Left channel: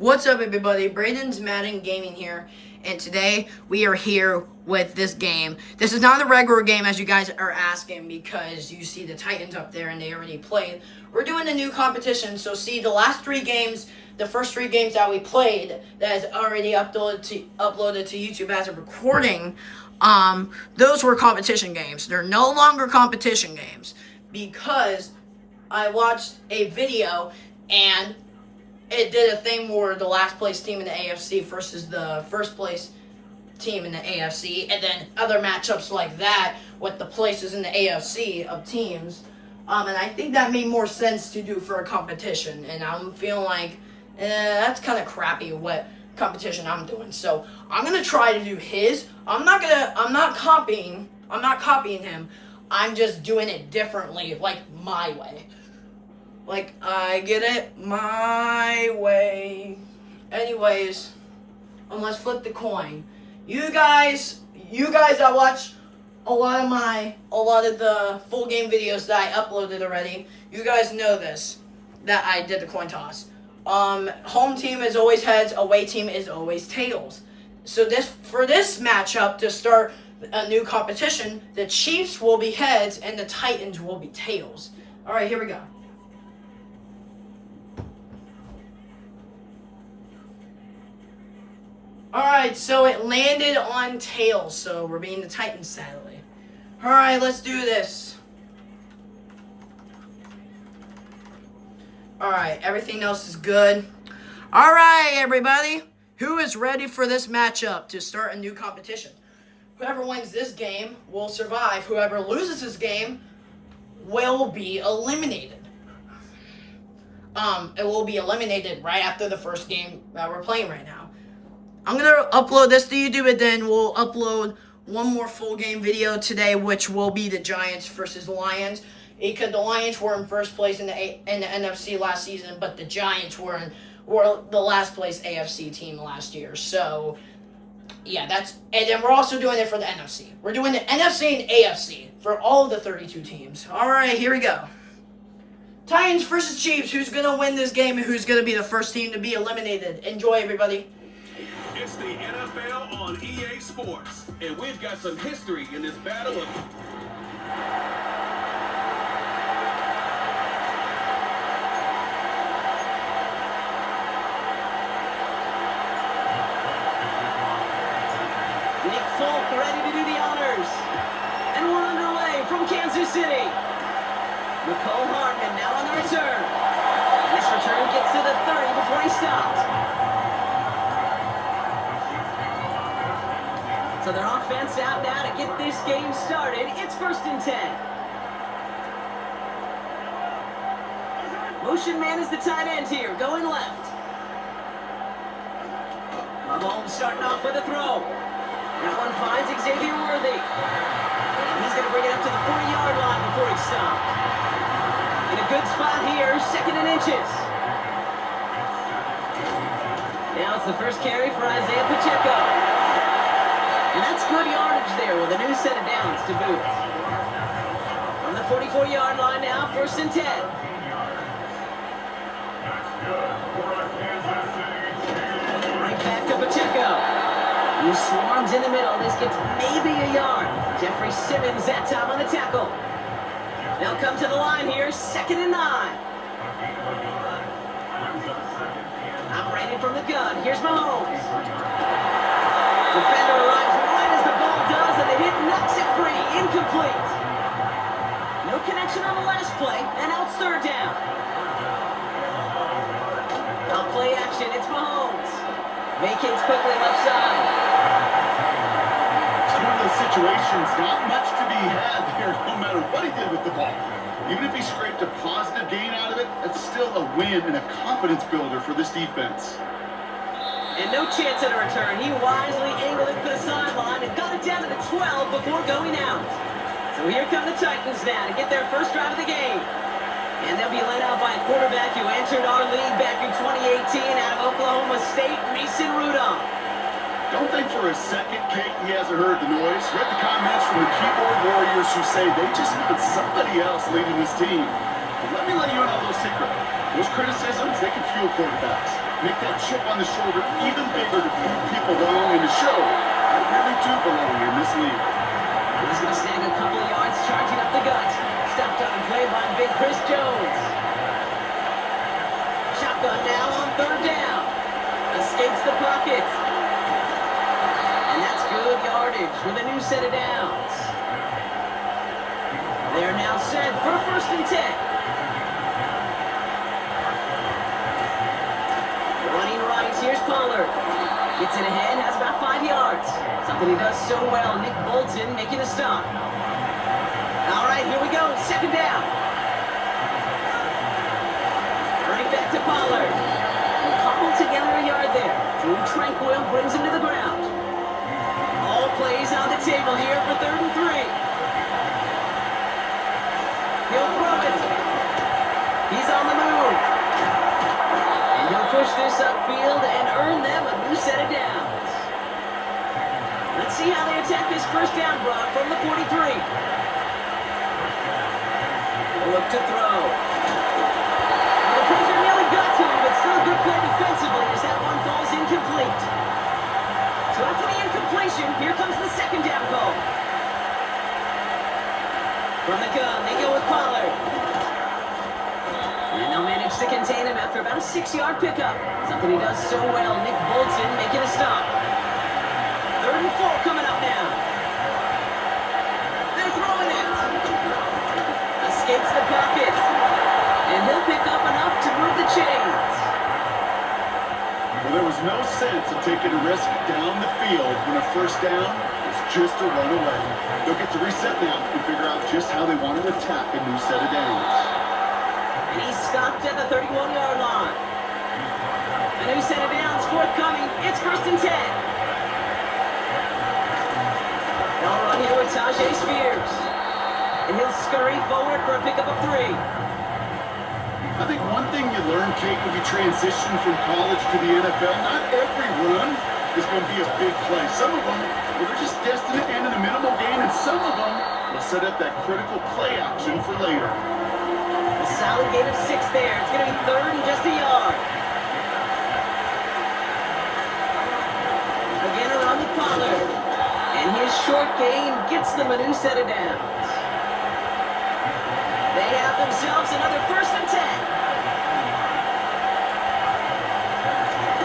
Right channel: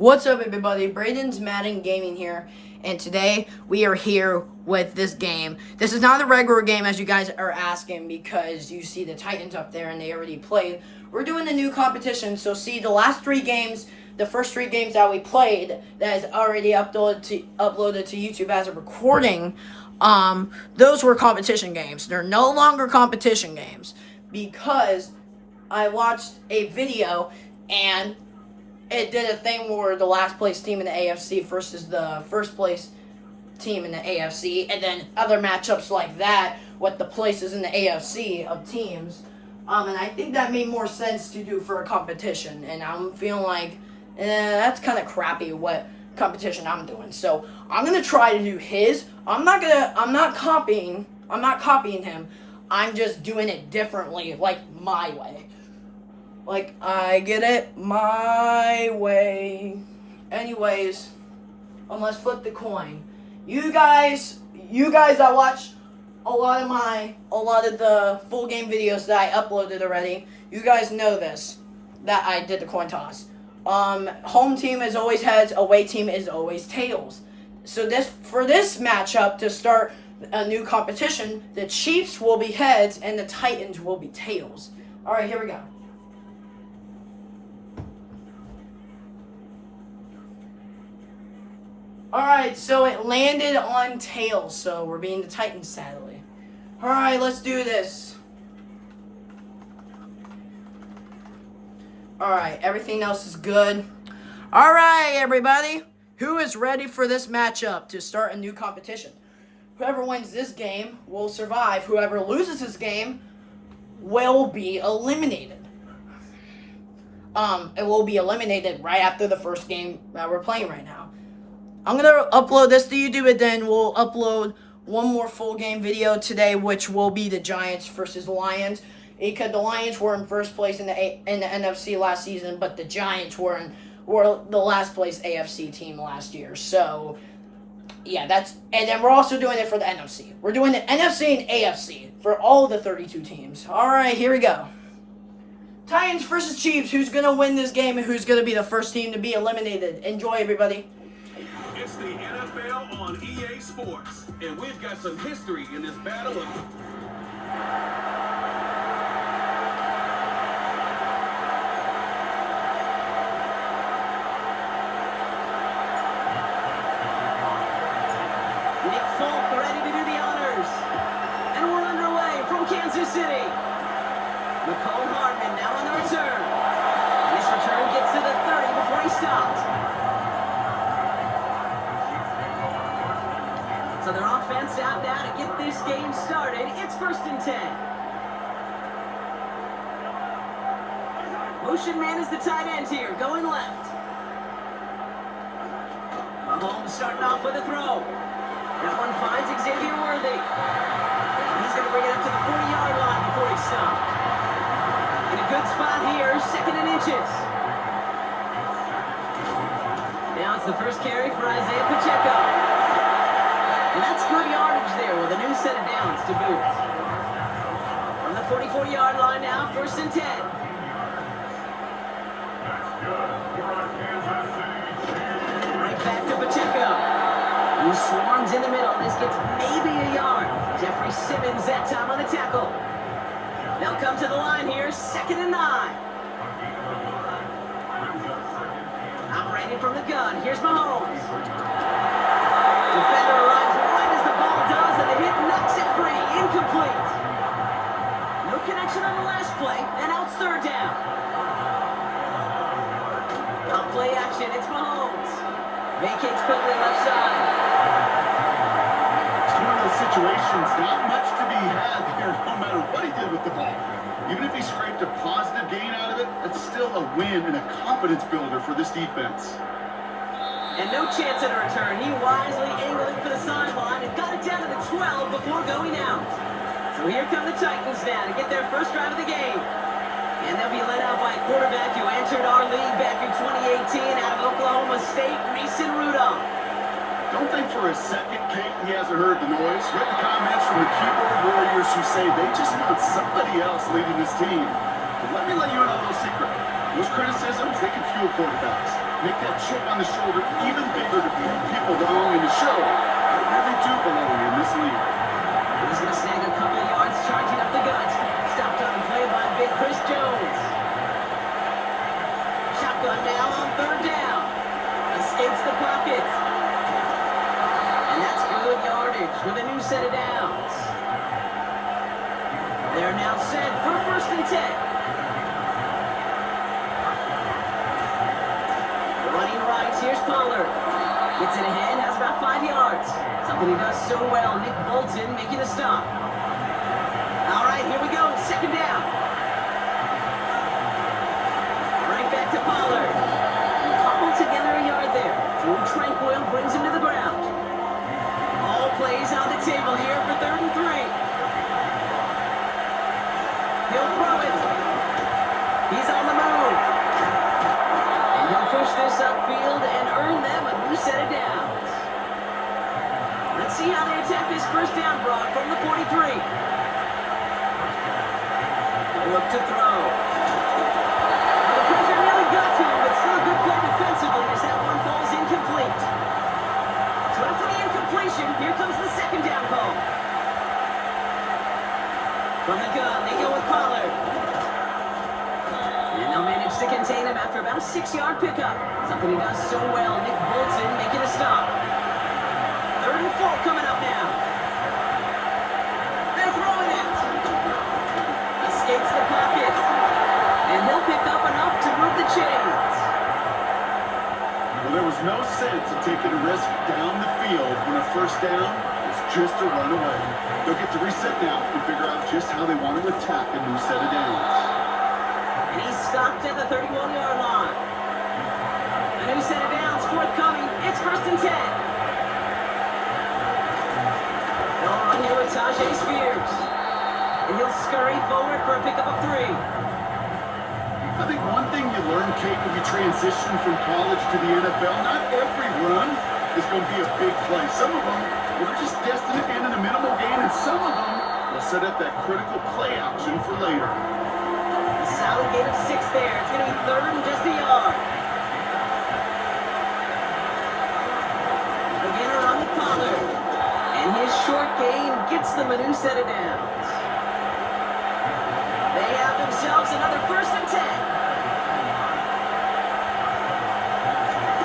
What's up, everybody? Braden's Madden Gaming here, and today we are here with this game. This is not a regular game, as you guys are asking, because you see the Titans up there and they already played. We're doing a new competition, so see the last three games, the first three games that we played that is already uploaded to YouTube as a recording. Those were competition games. They're no longer competition games because I watched a video and it did a thing where the last place team in the AFC versus the first place team in the AFC, and then other matchups like that with the places in the AFC of teams. And I think that made more sense to do for a competition. And I'm feeling like that's kind of crappy what competition I'm doing. So I'm gonna try to do his. I'm not copying him. I'm just doing it differently, like my way. Like, I get it my way. Anyways, let's flip the coin. You guys that watch a lot of the full game videos that I uploaded already, you guys know this, that I did the coin toss. Home team is always heads, away team is always tails. So for this matchup, to start a new competition, the Chiefs will be heads and the Titans will be tails. Alright, here we go. Alright, so it landed on tails, so we're being the Titans, sadly. Alright, let's do this. Alright, everything else is good. Alright, everybody. Who is ready for this matchup to start a new competition? Whoever wins this game will survive. Whoever loses this game will be eliminated. It will be eliminated right after the first game that we're playing right now. I'm going to upload this to YouTube, and then we'll upload one more full game video today, which will be the Giants versus the Lions. Because the Lions were in first place in the NFC last season, but the Giants were the last place AFC team last year. So, yeah, and then we're also doing it for the NFC. We're doing the NFC and AFC for all of the 32 teams. All right, here we go. Titans versus Chiefs. Who's going to win this game and who's going to be the first team to be eliminated? Enjoy, everybody. It's the NFL on EA Sports, and we've got some history in this battle of... Nick Folk ready to do the honors. And we're underway from Kansas City. Nicole Hardman now on the return. And this return gets to the 30 before he stopped. So their offense out now to get this game started. It's 1st and 10. Motion man is the tight end here, going left. Mahomes starting off with a throw. That one finds Xavier Worthy. And he's going to bring it up to the 40-yard line before he stopped. In a good spot here, 2nd and inches. Now it's the first carry for Isaiah Pacheco. And that's good yardage there with a new set of downs to boot. From the 44-yard line now, 1st and 10. Right back to Pacheco. He swarms in the middle. This gets maybe a yard. Jeffrey Simmons that time on the tackle. They'll come to the line here, 2nd and 9. Operating from the gun. Here's Mahomes. Defender arrives right as the ball does, and the hit knocks it free. Incomplete. No connection on the last play, and out 3rd down. Off play action, it's Mahomes. Vacates quickly left side. It's one of those situations, not much to be had here, no matter what he did with the ball. Even if he scraped a positive gain out of it, that's still a win and a confidence builder for this defense. And no chance at a return. He wisely angled it for the sideline and got it down to the 12 before going out. So here come the Titans now to get their first drive of the game. And they'll be led out by a quarterback who entered our league back in 2018 out of Oklahoma State, Mason Rudolph. Don't think for a second, Kate, he hasn't heard the noise. Read the comments from the keyboard warriors who say they just want somebody else leading this team. But let me let you in on a little secret. Those criticisms, they can fuel quarterbacks. Make that chip on the shoulder even bigger to prove people wrong and to show I really do belong in this league. He's going to snag a couple of yards charging up the gut. Stopped on a play by big Chris Jones. Shotgun now on third down. Escapes the pocket. And that's good yardage with a new set of downs. They're now set for 1st and 10. Running right, here's Pollard. Gets it ahead, has about 5 yards. Something he does so well. Nick Bolton making a stop. All right, here we go. 2nd down. Right back to Pollard. And cobbled together a yard there. Drew Tranquil brings him to the ground. All plays on the table here for 3rd and 3. He'll throw it. He's on the move. And he'll push this upfield and earn them a new set of downs. Let's see how they attack this 1st down, Brock, from the 43. He'll look to throw. Well, the pressure nearly got to him, but still a good play defensively as that one falls incomplete. So after the incompletion, here comes the 2nd down call. From the gun, they go with Pollard. And they'll manage to contain him after about a 6-yard pickup. Something he does so well. Nick Bolton making a stop. 3rd and 4 coming up now. They're throwing it. Escapes the pocket. And he'll pick up enough to move the chains. Well, there was no sense of taking a risk down the field when a 1st down is just a run away. They'll get to reset now and figure out just how they want to attack a new set of downs. And he's stopped at the 31-yard line. A new set of downs forthcoming. It's 1st and 10. They'll run here with Tajay Spears. And he'll scurry forward for a pickup of 3. I think one thing you learn, Kate, when you transition from college to the NFL, not every run is going to be a big play. Some of them, well, they're just destined to end in a minimal gain, and some of them will set up that critical play action for later. A solid gain of 6 there. It's going to be 3rd and just a yard. Again, a run with Pollard. And his short gain gets them a new set of downs. They have themselves another 1st and 10.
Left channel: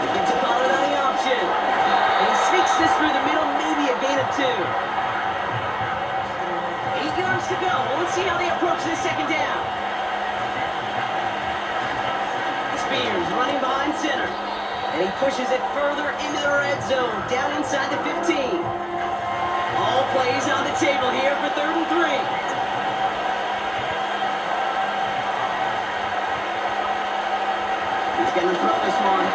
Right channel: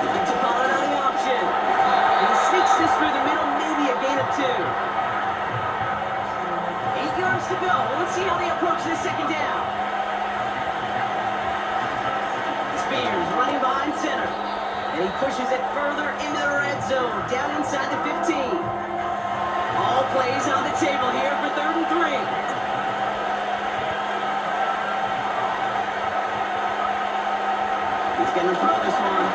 Looking to Pollard on the option. And he sneaks this through the middle, maybe a gain of 2. 8 yards to go. Well, let's see how they approach this 2nd down. Spears running behind center. And he pushes it further into the red zone, down inside the 15. All plays on the table here for 3rd and 3. He's going to throw this one.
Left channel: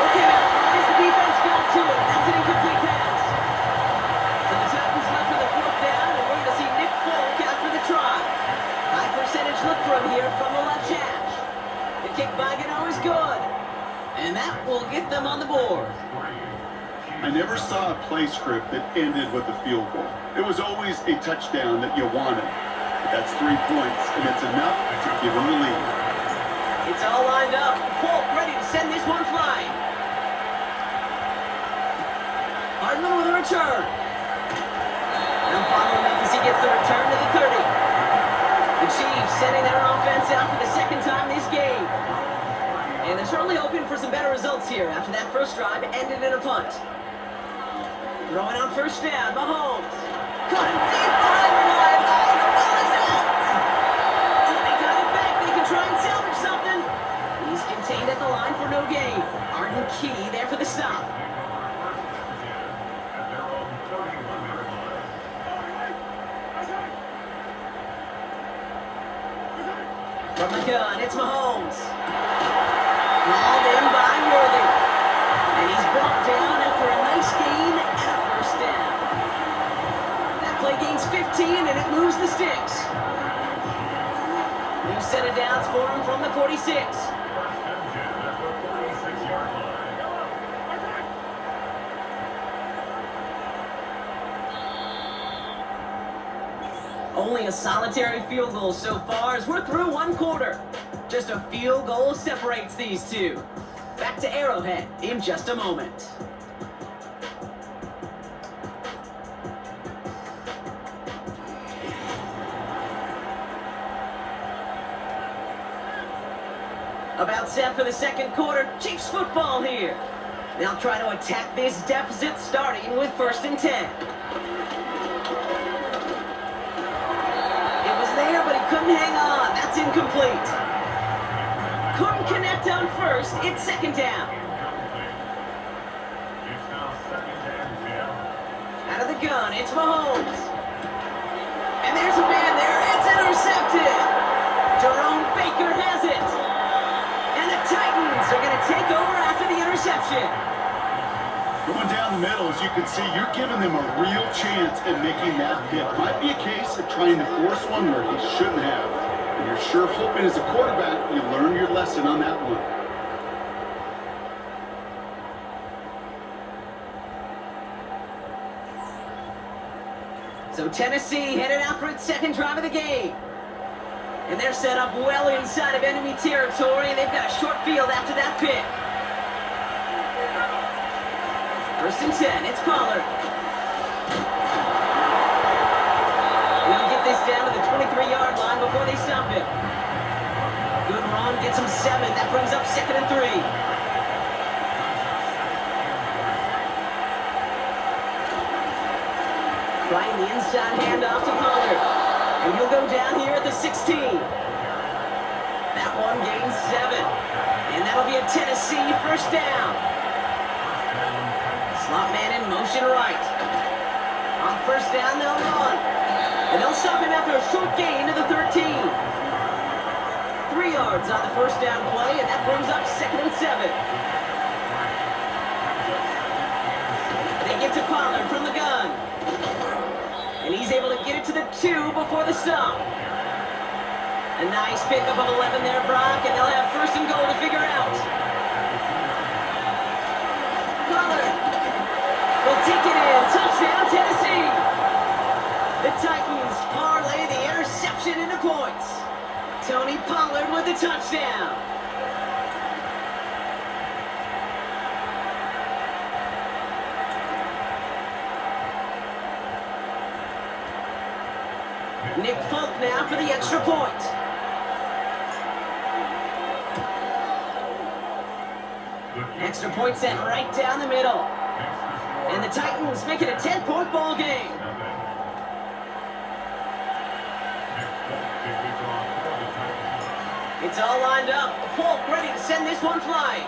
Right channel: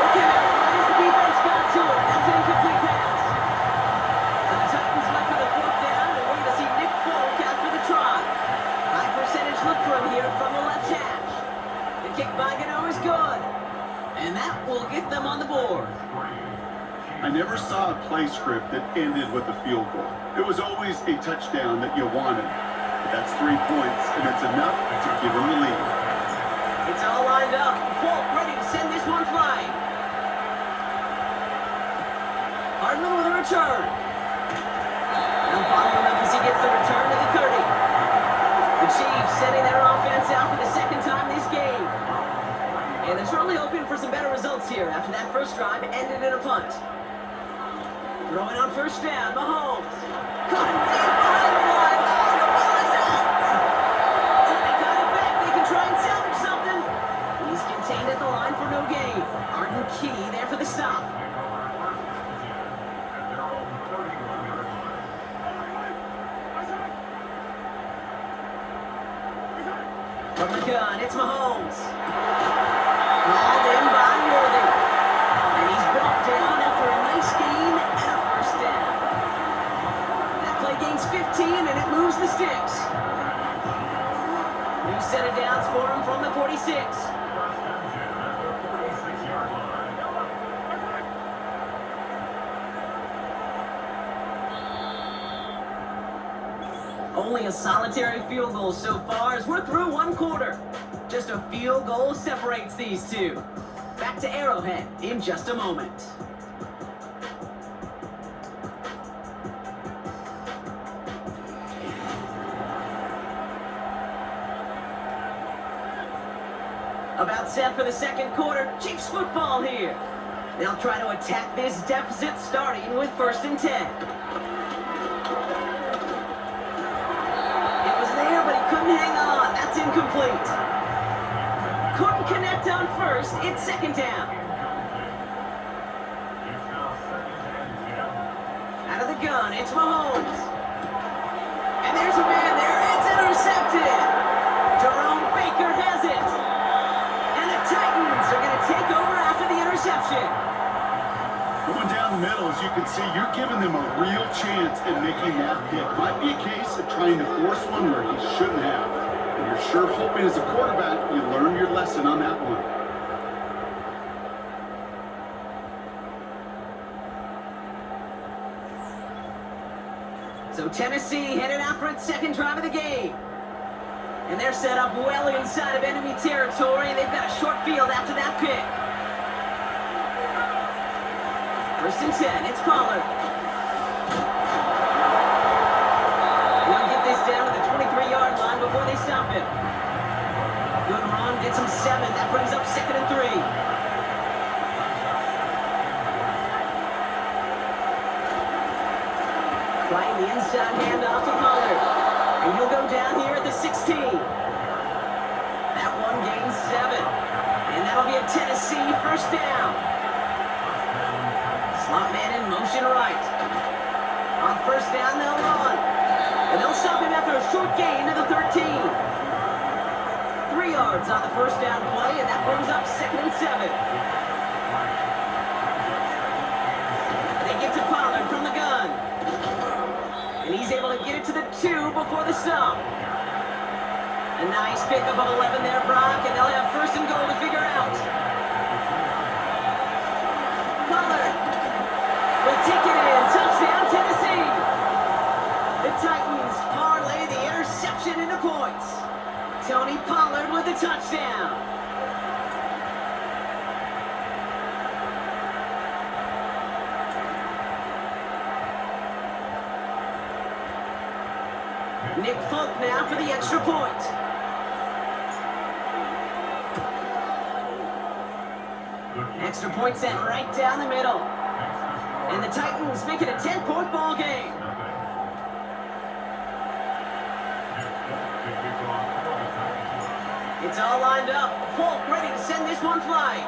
Look at it. As the defense got to it. That's an incomplete pass. So the Titans left for the 4th down, and we're going to see Nick Folk after the try. High percentage look for him here from the left hash. The kick by Gano is good. And that will get them on the board. I never saw a play script that ended with a field goal. It was always a touchdown that you wanted. But that's 3 points, and it's enough to give them the lead. It's all lined up. Folk ready to send this one flying. Hardman with a return. Now following up as he gets the return to the 30. The Chiefs sending their offense out for the 2nd time this game. And they're certainly hoping for some better results here after that first drive ended in a punt. Throwing on 1st down, Mahomes. Caught him deep behind the line. Oh, the ball is out! Oh, they got it back. They can try and salvage something. He's contained at the line for no gain. Arden Key there for the stop. From the gun, it's Mahomes. Hauled in by Worthy. And he's brought down after a nice gain and a 1st down. That play gains 15 and it moves the sticks. New set of downs for him from the 46. Only a solitary field goal so far as we're through one quarter. Just a field goal separates these two. Back to Arrowhead in just a moment. About set for the second quarter. Chiefs football here. They'll try to attack this deficit starting with 1st and 10. It was there, but he couldn't hang on. That's incomplete. Couldn't connect on 1st. It's 2nd down. Out of the gun, it's Mahomes. And there's a man there. It's intercepted. Jerome Baker has it. And the Titans are going to take over after the interception. Going down the middle, as you can see, you're giving them a real chance at making that hit. Might be a case of trying to force one where he shouldn't have. And you're sure hoping as a quarterback you learn your lesson on that one. So Tennessee headed out for its second drive of the game. And they're set up well inside of enemy territory, and they've got a short field after that pick. 1st and 10, it's Pollard. He'll get this down to the 23-yard line before they stop him. Good run, gets him 7. That brings up 2nd and 3. Trying the inside handoff to Pollard. And he'll go down here at the 16. That one gains 7. And that'll be a Tennessee 1st down. Slot man in motion right. On 1st down, they'll run. And they'll stop him after a short gain to the 13. 3 yards on the 1st down play, and that brings up 2nd and 7. They get to Pollard from the gun. And he's able to get it to the 2 before the stop. A nice pickup of 11 there, Brock, and they'll have 1st and goal to figure out. Pollard will take it in. Touchdown, Tennessee. The Titans parlay the interception into points. Tony Pollard with the touchdown. Nick Folk now for the extra point. Extra point set right down the middle. And the Titans make it a 10-point ball game. It's all lined up. Folk ready to send this one flying.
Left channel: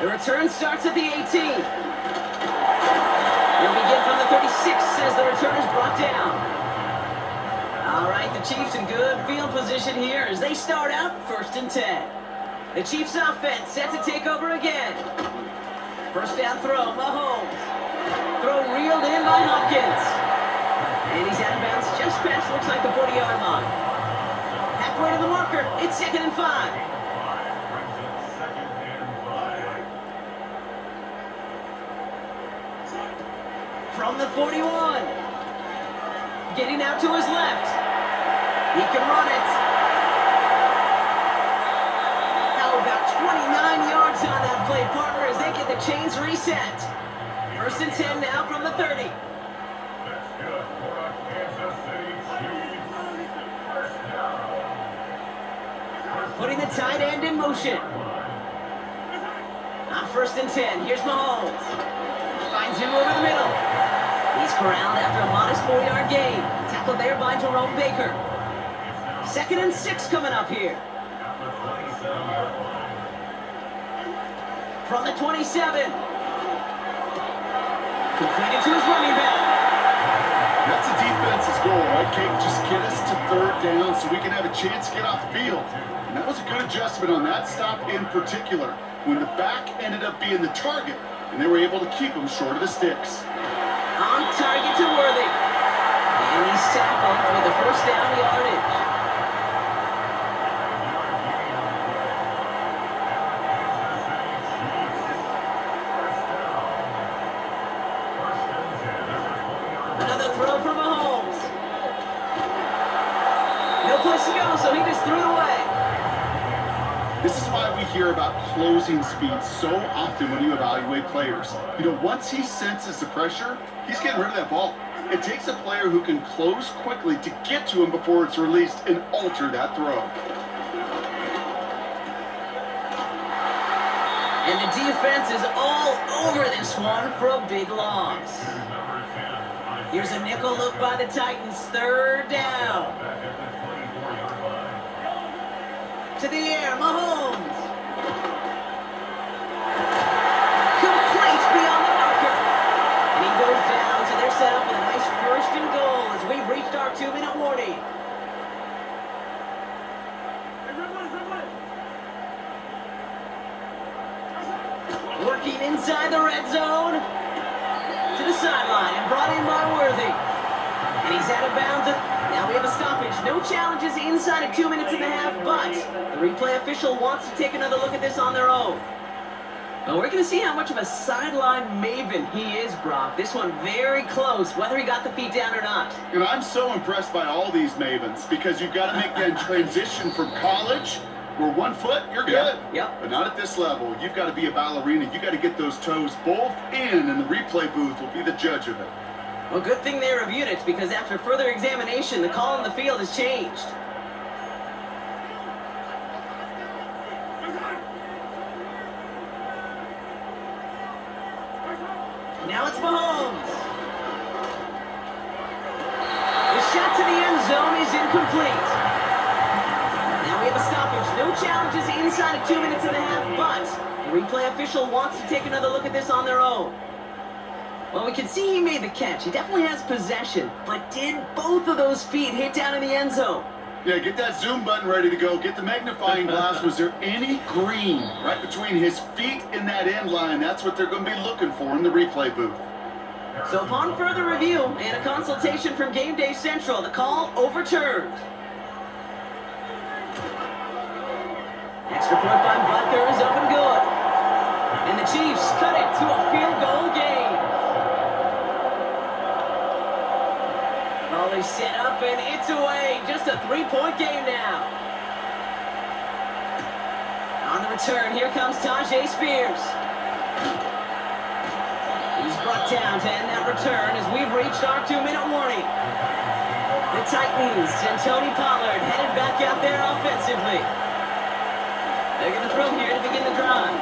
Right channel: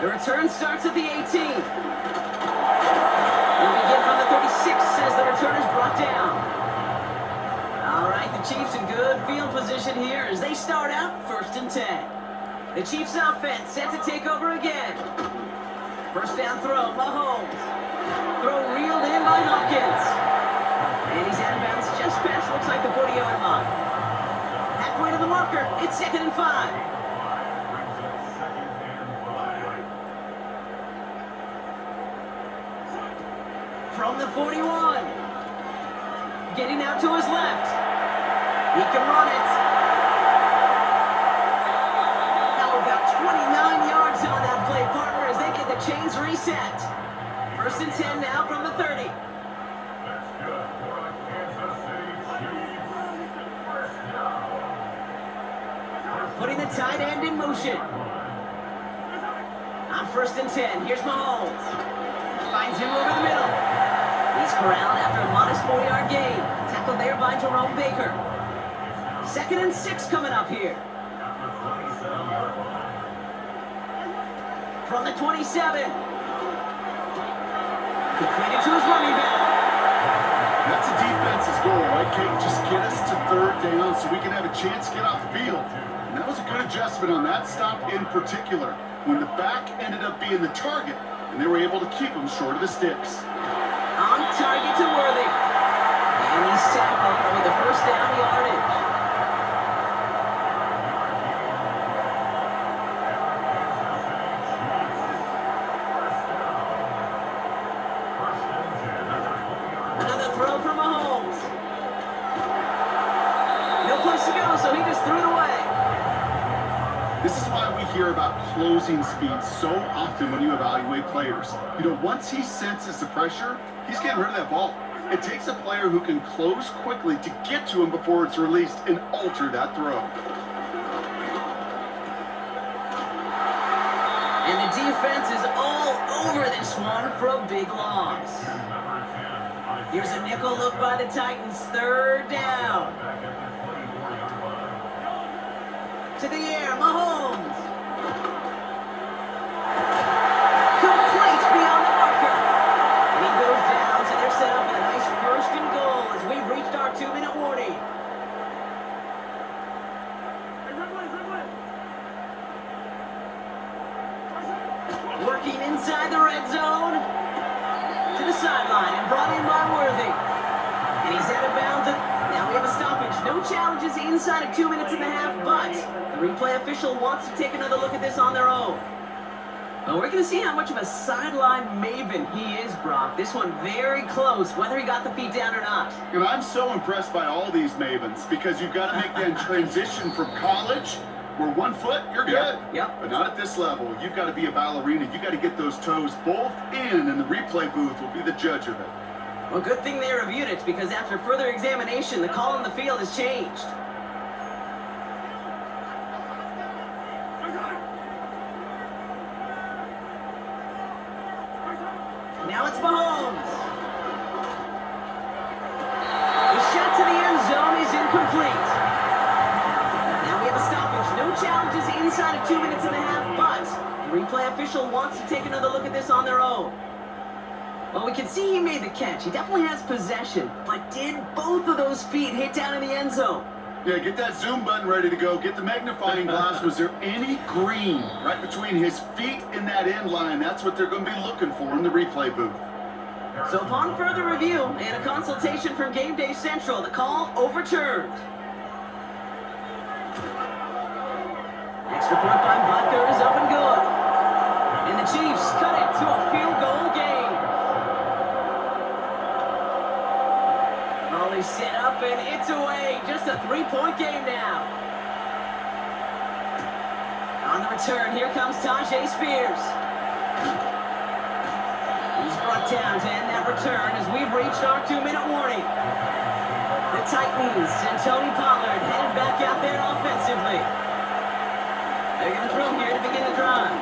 The return starts at the 18. They'll begin from the 36 as the return is brought down. All right, the Chiefs in good field position here as they start out 1st and 10. The Chiefs offense set to take over again. 1st down throw, Mahomes. Throw reeled in by Hopkins. And he's out of bounds just past, looks like the 40-yard line. Halfway to the marker, it's 2nd and 5. From the 41. Getting out to his left. He can run it. Now about 29 yards on that play, partner, as they get the chains reset. 1st and 10 now from the 30. Putting the tight end in motion. On 1st and 10, here's Mahomes. Finds him over the middle. He's corralled after a modest 4-yard gain. Tackled there by Jerome Baker. 2nd and 6 coming up here. From the 27. Completed to his running back. That's a defense's goal, right, Kate? Just get us to 3rd down so we can have a chance to get off the field. And that was a good adjustment on that stop in particular, when the back ended up being the target, and they were able to keep him short of the sticks. On target to Worthy. And he's tackled with the 1st down yardage. Another throw through the way. This is why we hear about closing speed so often when you evaluate players. You know, once he senses the pressure, he's getting rid of that ball. It takes a player who can close quickly to get to him before it's released and alter that throw. And the defense is all over this one for a big loss. Here's a nickel look by the Titans, third down. To the air, Mahomes. Complete beyond the marker. And he goes down, so they're set up with a nice first and goal as we've reached our 2-minute warning. Working inside the red zone. To the sideline and brought in by Worthy. And he's out of bounds. Now we have a stoppage. No challenges inside of 2 minutes and a half, but the replay official wants to take another look at this on their own. Well, we're going to see how much of a sideline maven he is, Brock. This one very close, whether he got the feet down or not. And I'm so impressed by all these mavens because you've got to make that transition from college where 1 foot, you're good. Yep. But not at this level. You've got to be a ballerina. You've got to get those toes both in, and the replay booth will be the judge of it. Well, good thing they reviewed it, because after further examination, the call on the field has changed. Now it's Mahomes. The shot to the end zone is incomplete. Now we have a stoppage. No challenges inside of 2 minutes and a half, but the replay official wants to take another look at this on their own. Well, we can see he made the catch. He definitely has possession, but did both of those feet hit down in the end zone? Yeah, get that zoom button ready to go. Get the magnifying glass. Was there any green right between his feet and that end line? That's what they're going to be looking for in the replay booth. So upon further review and a consultation from Game Day Central, the call overturned. Extra point by Butker is up and good. And the Chiefs cut it to a field goal game. Ball is set up and it's away. Just a 3-point game now. On the return, here comes Tajay Spears. He's brought down to end that return as we've reached our 2-minute warning. The Titans and Tony Pollard headed back out there offensively. They're going to throw here to begin the drive.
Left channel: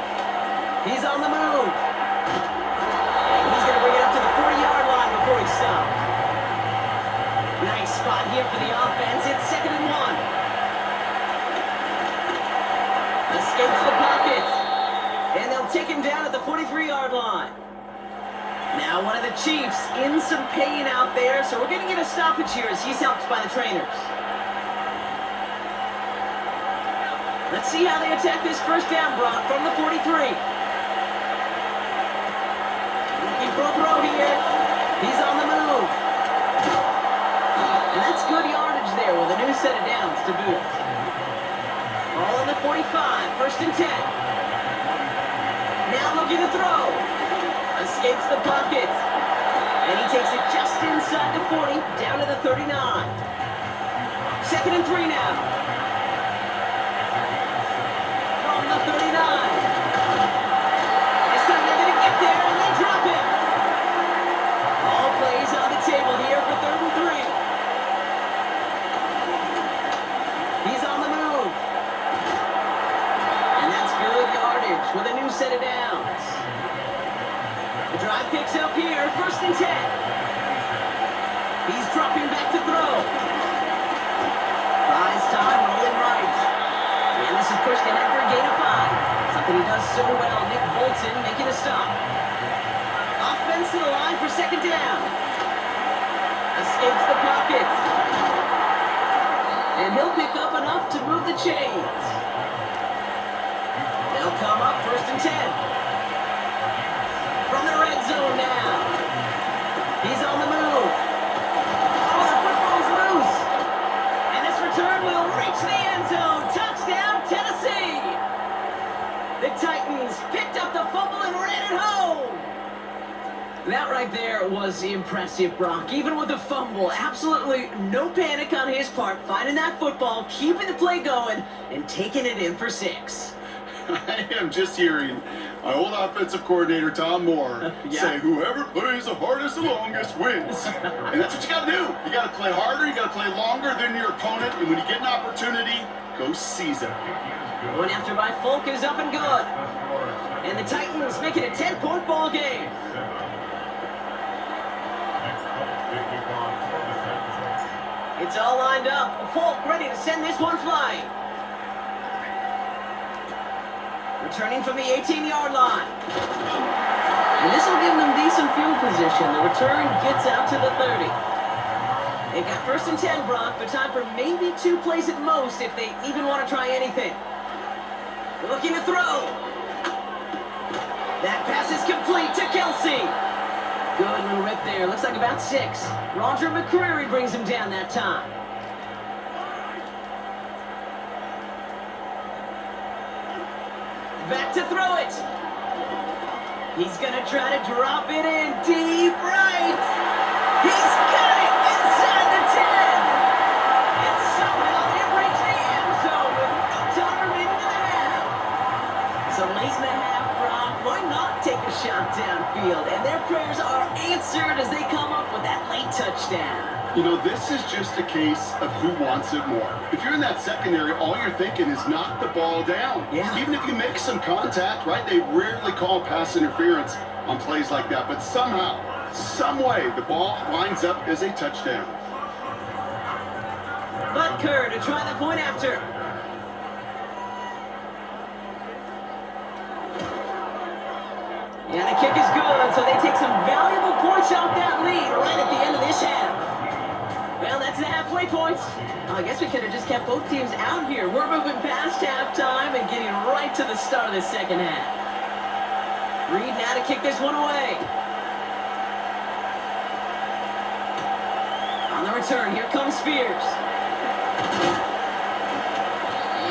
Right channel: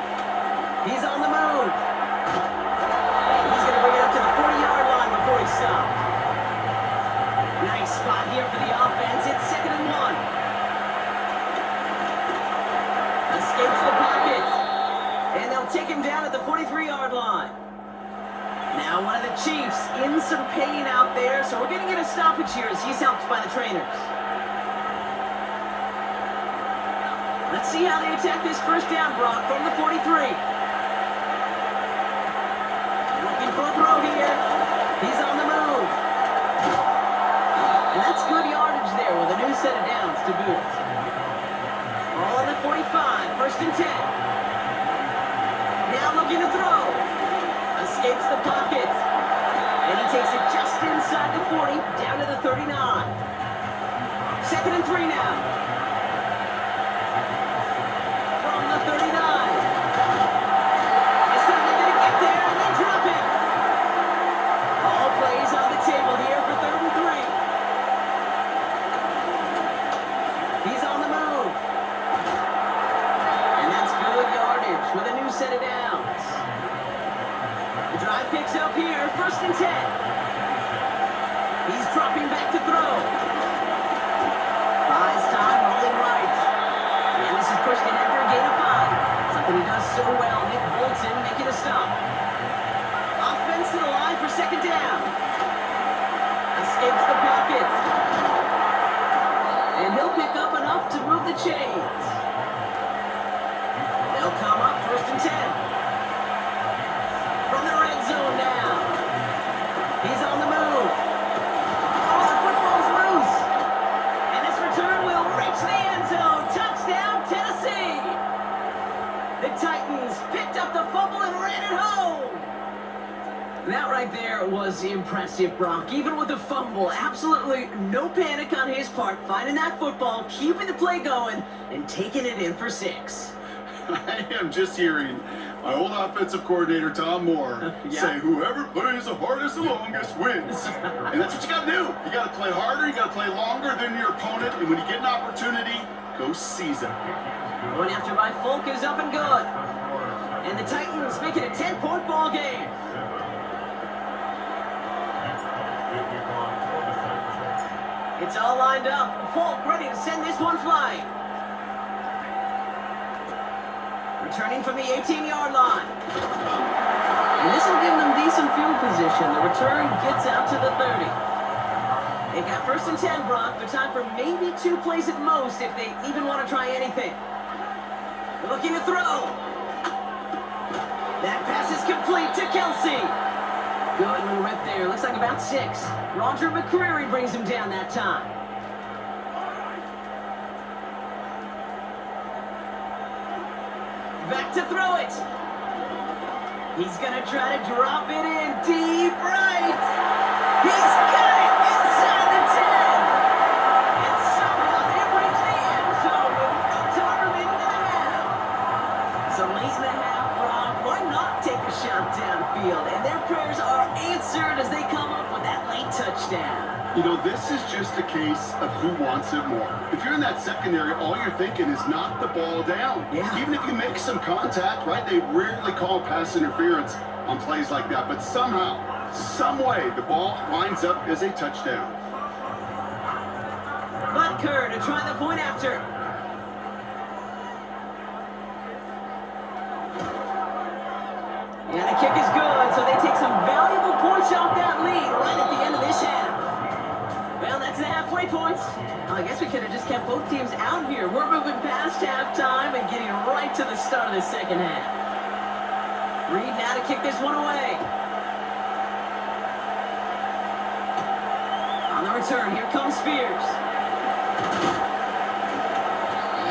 He's on the move. And he's going to bring it up to the 40-yard line before he stopped. Nice spot here for the offense. It's 2nd and 1. Escapes the pocket. And they'll take him down at the 43-yard line. Now one of the Chiefs in some pain out there, so we're going to get a stoppage here as he's helped by the trainers. Let's see how they attack this first down, Brock, from the 43. Looking for a throw here. He's on the move. And that's good yardage there with a new set of downs to boot. Ball on the 45, 1st and 10. Now looking to throw. Escapes the pocket. And he takes it just inside the 40, down to the 39. 2nd and 3 now. From the 39. This time they're going to get there and they drop him. All plays on the table here for 3rd and 3. He's on the move. And that's good yardage with a new set of downs. The drive picks up here, 1st and 10. He's dropping back to throw. Buys time, rolling right. And this is pushed ahead for a gain of 5. Something he does so well. Nick Bolton making a stop. Offense to the line for 2nd down. Escapes the pocket. And he'll pick up enough to move the chains. They'll come up 1st and 10. From the red zone now. He's on the move. Oh, the football's loose. And this return will reach the end zone. Touchdown, Tennessee. The Titans picked up the fumble and ran it home. That right there was impressive, Brock. Even with a fumble, absolutely no panic on his part, finding that football, keeping the play going, and taking it in for 6. I am just hearing my old offensive coordinator, Tom Moore, say, whoever plays the hardest the longest wins. And that's what you got to do. You got to play harder, you got to play longer than your opponent, and when you get an opportunity, go seize it. Going after by Folk is up and good. And the Titans make it a 10-point ball game. It's all lined up. Folk ready to send this one flying. Returning from the 18-yard line. And this will give them decent field position. The return gets out to the 30. They've got 1st and 10, Brock, but time for maybe 2 plays at most if they even want to try anything. Looking to throw. That pass is complete to Kelsey. Good little rip there. Looks like about 6. Roger McCreary brings him down that time. Back to throw it. He's going to try to drop it in deep right. He's got it inside the 10. And somehow they reach the end zone with no time remaining in the half. So late in the half, Brock, why not take a shot downfield? And their prayers are answered as they come up with that late touchdown. You know, this is just a case of who wants it more. If you're in that secondary, all you're thinking is knock the ball down. Yeah. Even if you make some contact, right? They rarely call pass interference on plays like that. But somehow, some way, the ball winds up as a touchdown. Butker to try the point after. And the kick is good, so they take some valuable points off that lead right at the end of this half. Well, that's the halfway point. I guess we could have just kept both teams out here. We're moving past halftime and getting right to the start of the second half. Reed now to kick this one away. On the return, here comes Spears.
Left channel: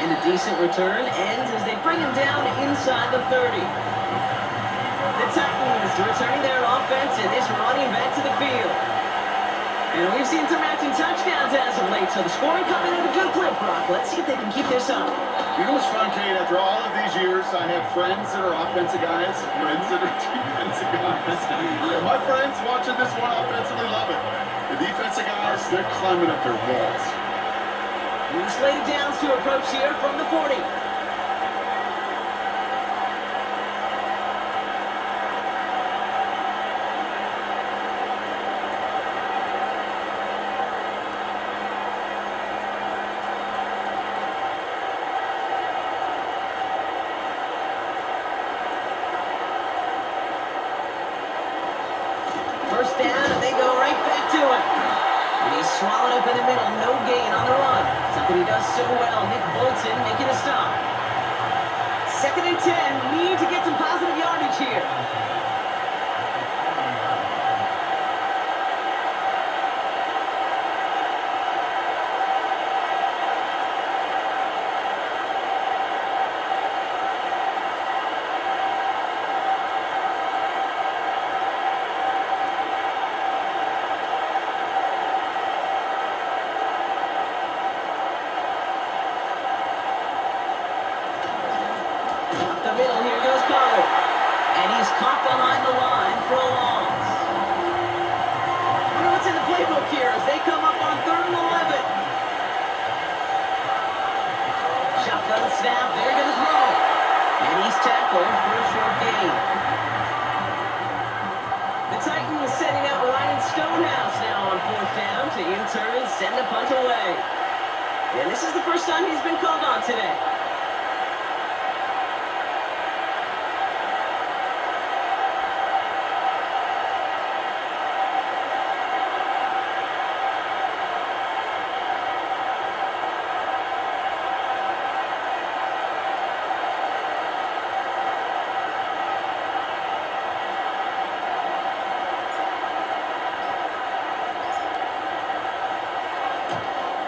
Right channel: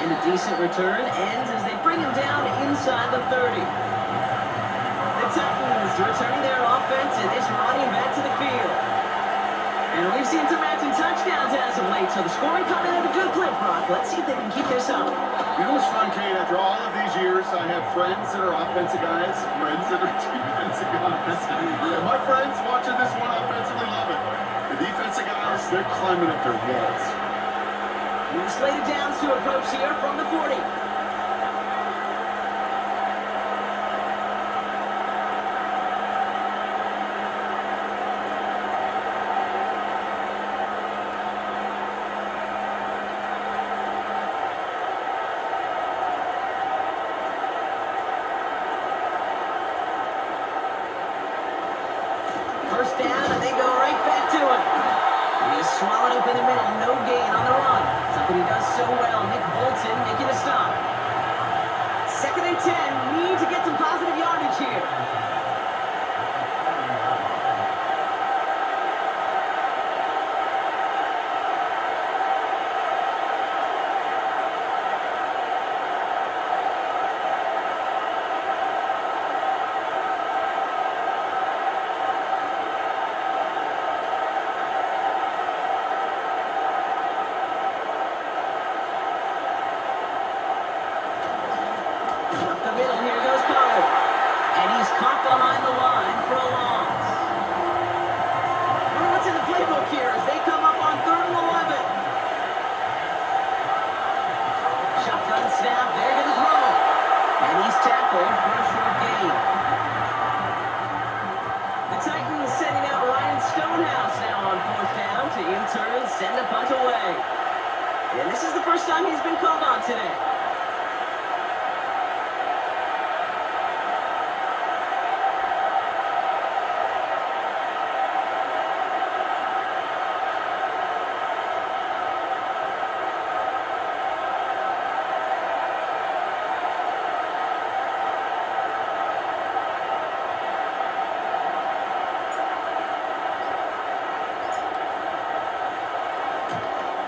And a decent return ends as they bring him down inside the 30. The Titans returning their offense and is running back to the field. And we've seen some matching touchdowns as of late, so the scoring coming at a good clip, Brock. Let's see if they can keep this up. You know what's fun, Kate? After all of these years, I have friends that are offensive guys, friends that are defensive guys. My friends watching this one offensively love it. The defensive guys, they're climbing up their walls. We've slated downs to approach here from the 40. First down, and they go right back to him. And he's swallowed up in the middle. No gain on the run. Something he does so well. Nick Bolton making a stop. 2nd and 10. Need to get some positive yardage here. Up the middle, here goes Pollard. And he's caught behind the line for a loss. Wonder what's in the playbook here as they come up on 3rd and 11. Shotgun snap, they're going to throw. And he's tackled for a short gain. The Titans sending out Ryan Stonehouse now on 4th down to in turn send the punt away. And this is the first time he's been called on today.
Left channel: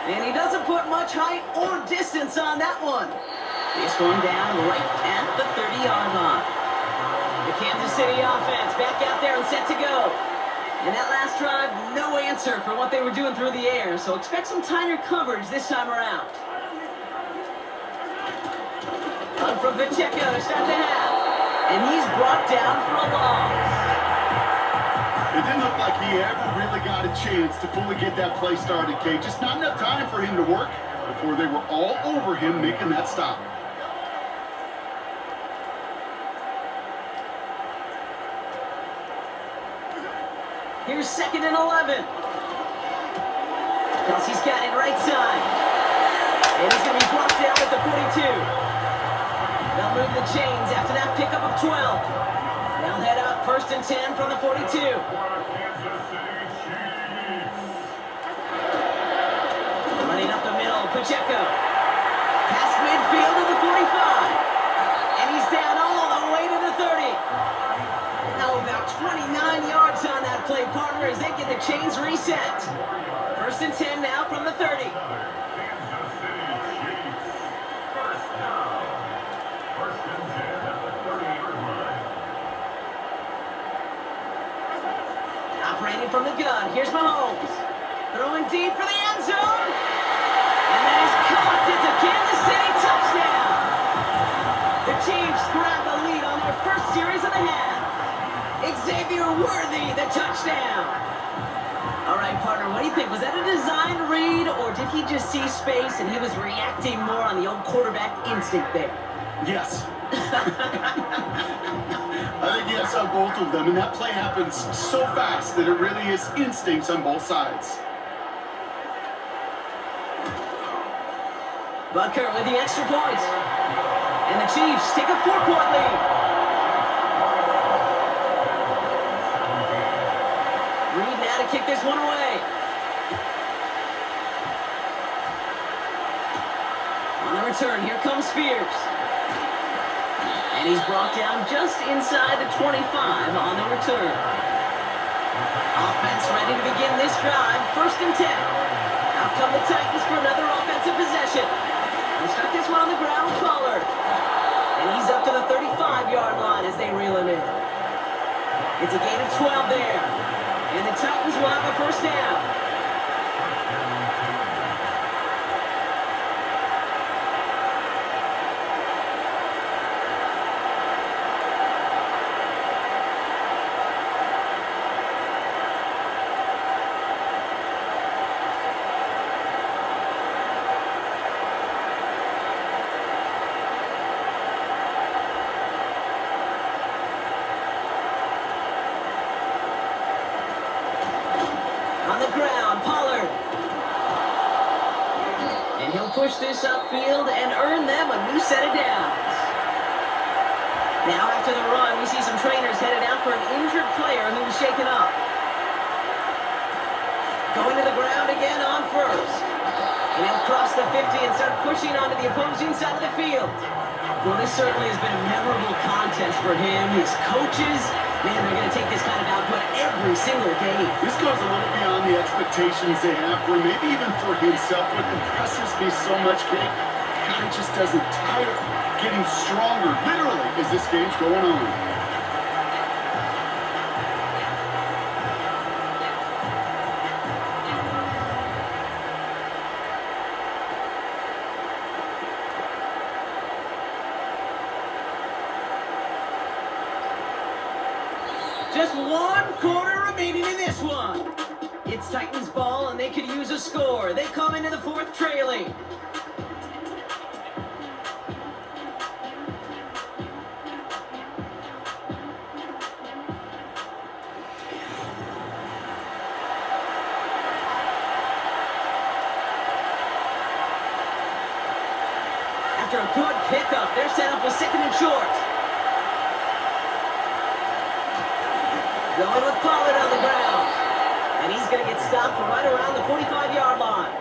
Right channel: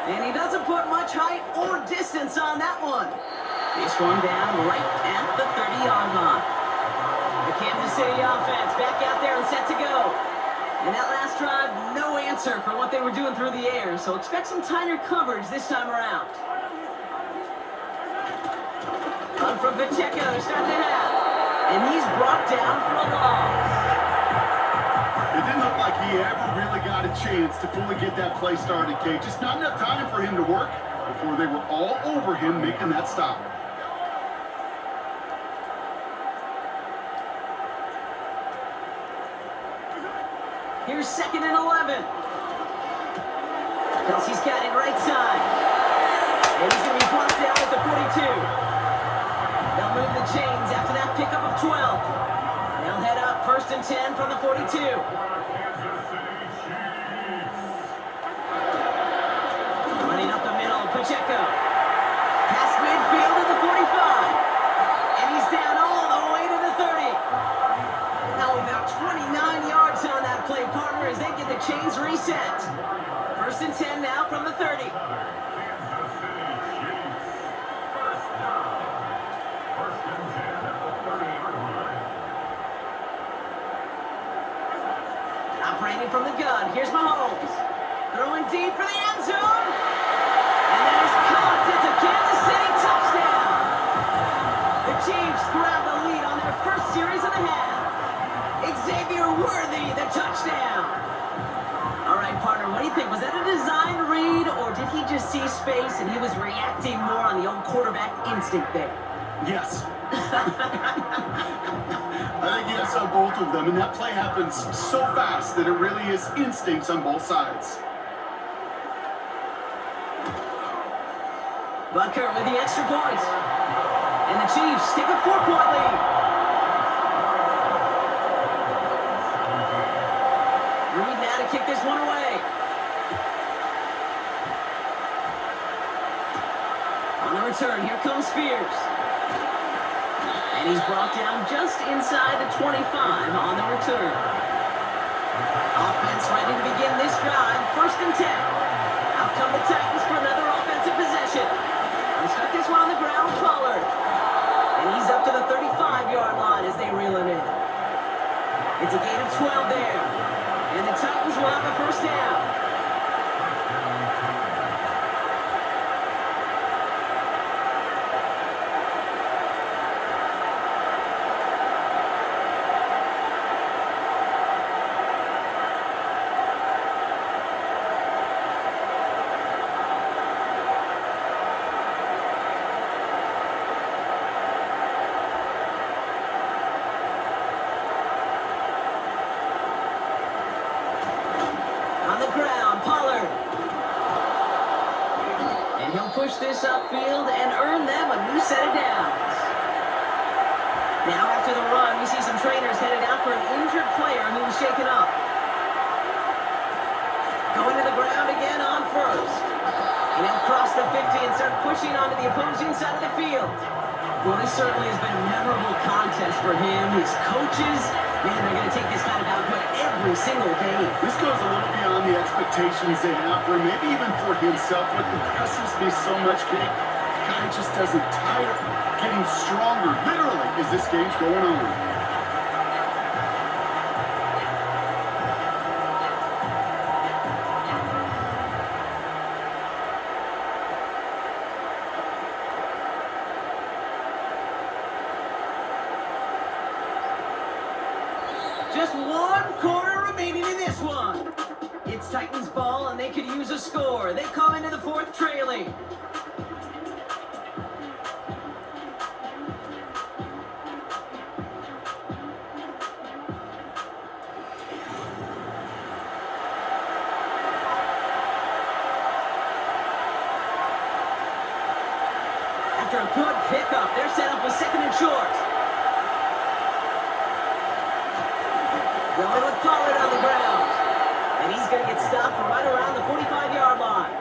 And he doesn't put much height or distance on that one. This one down right at the 30-yard line. The Kansas City offense back out there and set to go. And that last drive, no answer for what they were doing through the air, so expect some tighter coverage this time around. On from Pacheco to start the half. And he's brought down for a loss. It didn't look like he ever really got a chance to fully get that play started, Kate. Just not enough time for him to work before they were all over him making that stop. Here's 2nd and 11. Kelsey's got it right side. And he's going to be blocked down at the 42. They'll move the chains after that pickup of 12. They'll head up 1st and 10 from the 42. Running up the middle, Pacheco. Past midfield to the 45. And he's down all the way to the 30. Now about 29 yards on that play, partner, as they get the chains reset. 1st and 10 now from the 30. Operating from the gun, here's Mahomes. Throwing deep for the end zone. And that is caught. It's a Kansas City touchdown. The Chiefs grab the lead on their first series of the half. Xavier Worthy, the touchdown. All right, partner, what do you think? Was that a design read, or did he just see space and he was reacting more on the old quarterback instinct there? Yes. I think yes on both of them, and that play happens so fast that it really is instincts on both sides. Butker with the extra point. And the Chiefs take a 4-point lead. Reed now to kick this one away. On the return, here comes Spears. And he's brought down just inside the 25 on the return. Offense ready to begin this drive. 1st and 10. Out come the Titans for another offensive possession. They stuck this one on the ground with Pollard. And he's up to the 35-yard line as they reel him in. It's a gain of 12 there. And the Titans will have a 1st down. On the ground, Pollard. And he'll push this upfield and earn them a new set of downs. Now after the run, we see some trainers headed out for an injured player who was shaken up. Going to the ground again on 1st. And he'll cross the 50 and start pushing onto the opposing side of the field. Well, this certainly has been a memorable contest for him. His coaches, man, they're going to take this kind of output every single game. This goes a little beyond the expectations they have for him, maybe even for himself. What impresses me so much, Kate, the guy just doesn't tire, getting stronger, literally, as this game's going on. Just 1 quarter remaining in this one. It's Titans ball, and they could use a score. They come into the 4th trailing. After a good pickup, they're set up with 2nd and short. Going with Pollard on the ground. And he's going to get stopped right around the 45-yard line.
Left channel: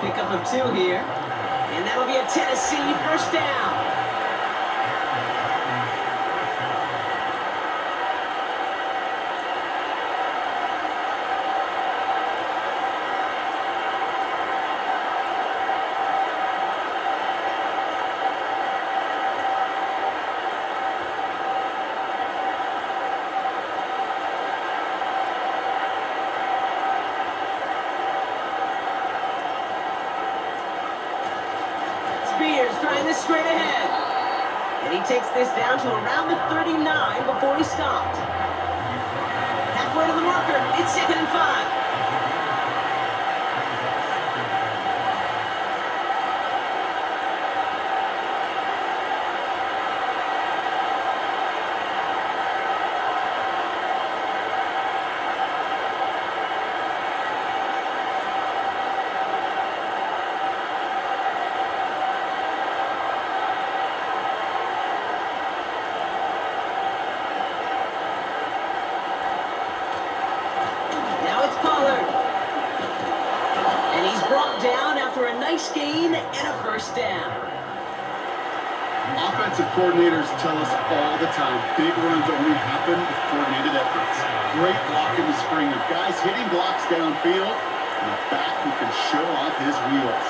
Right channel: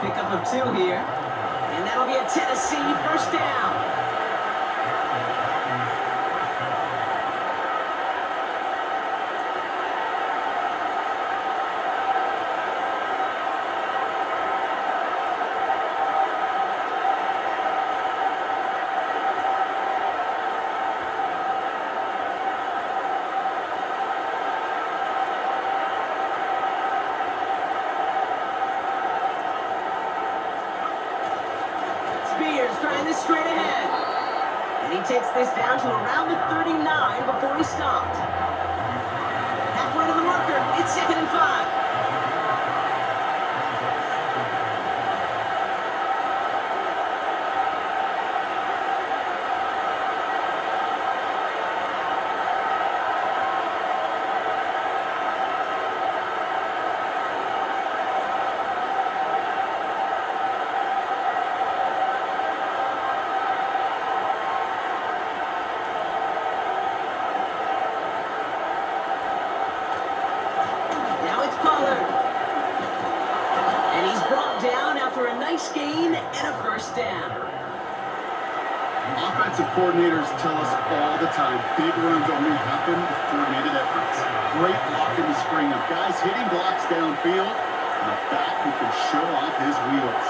Pickup of 2 here. And that'll be a Tennessee 1st down. straight ahead. And he takes this down to around the 39 before he stopped. Halfway to the marker. It's 2nd and 5. Now it's Pollard. And he's brought down after a nice gain and a first down. Offensive coordinators tell us all the time, big runs only happen with coordinated efforts. Great block in the spring of guys hitting blocks downfield and a back who can show off his wheels.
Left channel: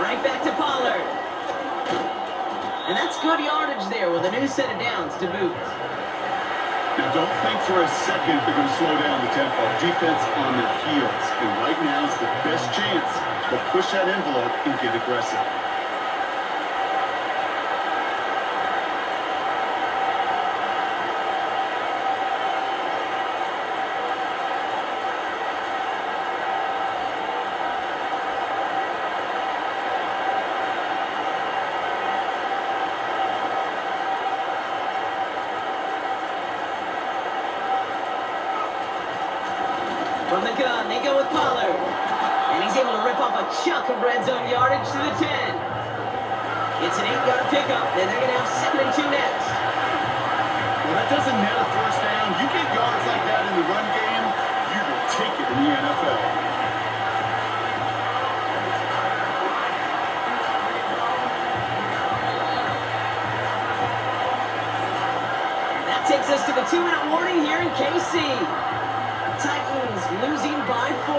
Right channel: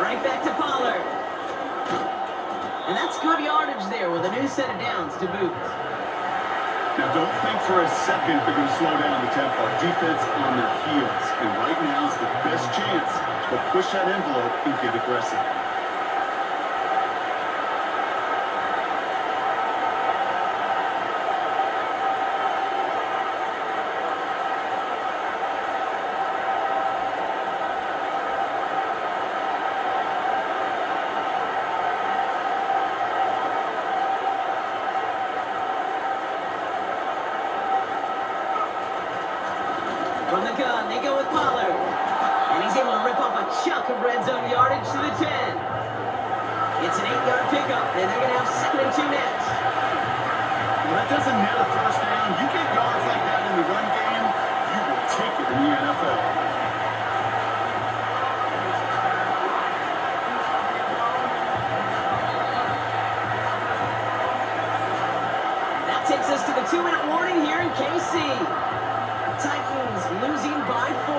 Right back to Pollard. And that's good yardage there with a new set of downs to boot. Now don't think for a second they're going to slow down the tempo. Defense on their heels. And right now is the best chance to push that envelope and get aggressive. From the gun, they go with Pollard. And he's able to rip off a chunk of red zone yardage to the 10. It's an 8-yard pickup, and they're going to have 2nd and 2 next. Well, that doesn't net a first down. You get yards like that in the run game, you will take it in the NFL. That takes us to the 2-minute warning here in KC. Titans losing by 4.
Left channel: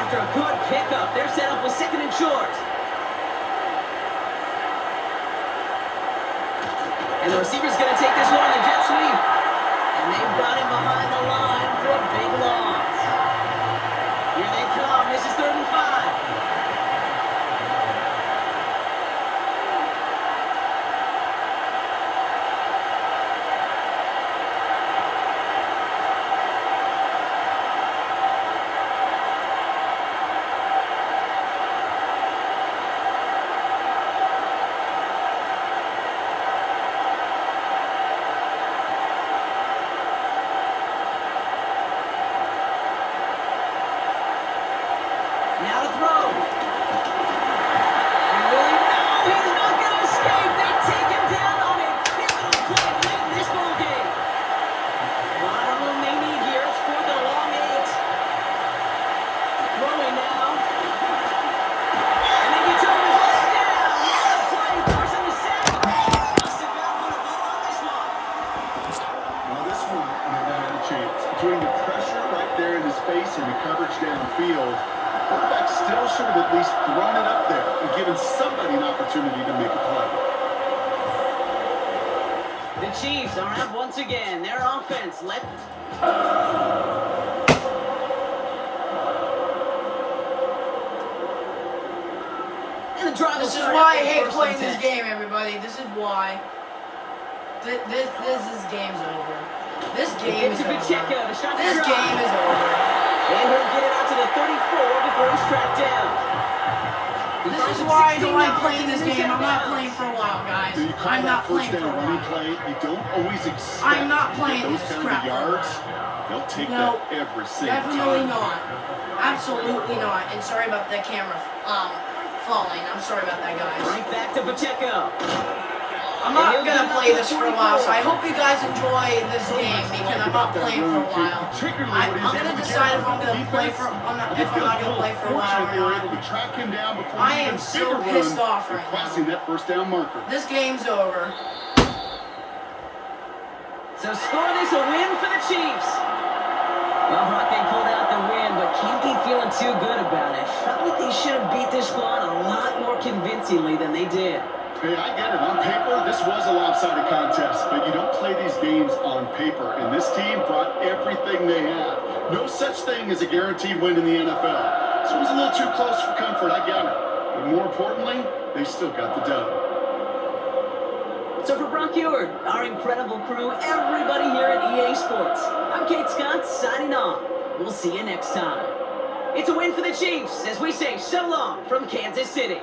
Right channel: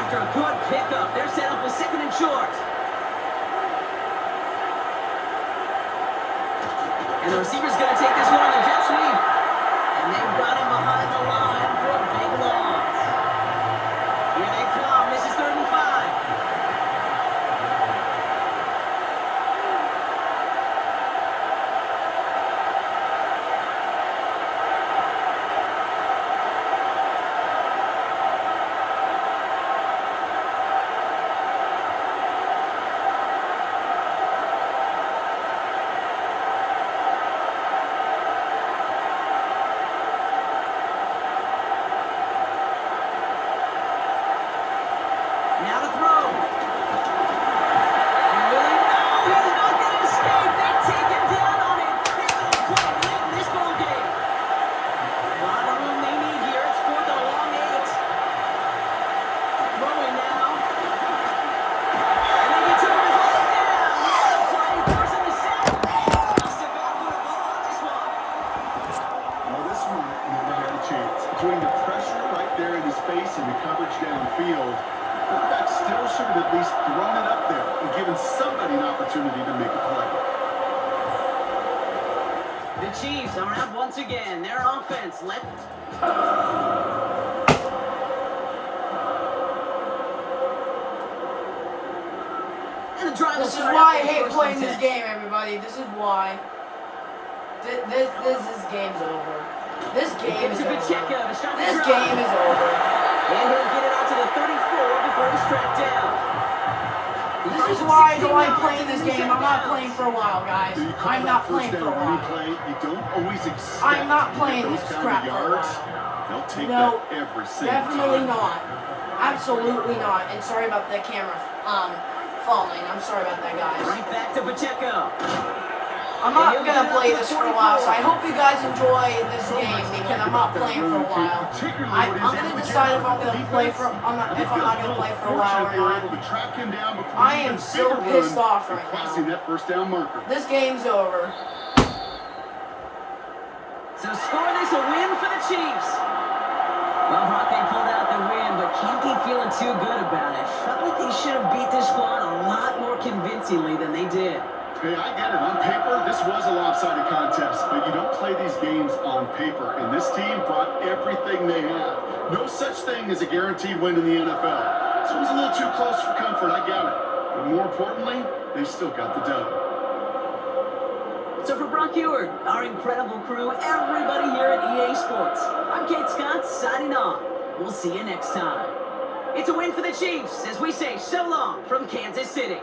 After a good pickup, they're set up with 2nd and short. And the receiver's going to take this one on the jet sweep. And they've got him behind the line for a big loss. Here they come. This is 3rd and 5. Now to throw. And Willie, no, he's not going to escape. They take him down on a pivotal play late in this ball game. A lot of room they need here. It's 4th and a long 8. Throwing now. And they get to him and hold it down. What a play, forcing the sack. Must have got one of them on this one. Well, this one never had a chance. Between the pressure right there in his face and the coverage downfield, quarterback still should have at least thrown it up there and given somebody an opportunity to make a play. The Chiefs are out once again. Their offense led. And the drive will This is start why I after hate first playing and this 10. game, everybody. This is why. This game's over. This game is Into Pacheco over. to start the This drive. game is over. And he'll get it out to the 34 before he's tracked down. This is why I don't like playing this game. I'm not playing for a while, guys. So you call I'm that not first playing for down a running while. play, you don't always expect I'm not to playing get those this kind crap of yards. for a while. They'll take No, that every single Definitely time. not. Absolutely not. And sorry about the camera falling. I'm sorry about that, guys. Right back to Pacheco. I'm not gonna play this for a while, so I hope you guys enjoy this So game much to because like I'm not about that playing for a run, too, while. particularly I'm what he's gonna able to decide get if I'm on gonna play defense. for. I'm not, It if I'm feels not a gonna little play for a while fortunate or they were not. able to track him down before I he am even so bigger pissed run off and right crossing now. that first down marker. This game's over. So score this a win for the Chiefs. Well, Brock, they pulled out the win, but can't be feeling too good about it. Felt like they should have beat this squad a lot more convincingly than they did. Hey, I get it. On paper, this was a lopsided contest, but you don't play these games on paper. And this team brought everything they had. No such thing as a guaranteed win in the NFL. So it was a little too close for comfort, I get it. But more importantly, they still got the dub. So for Brock Eward, our incredible crew, everybody here at EA Sports, I'm Kate Scott signing off. We'll see you next time. It's a win for the Chiefs as we say so long from Kansas City.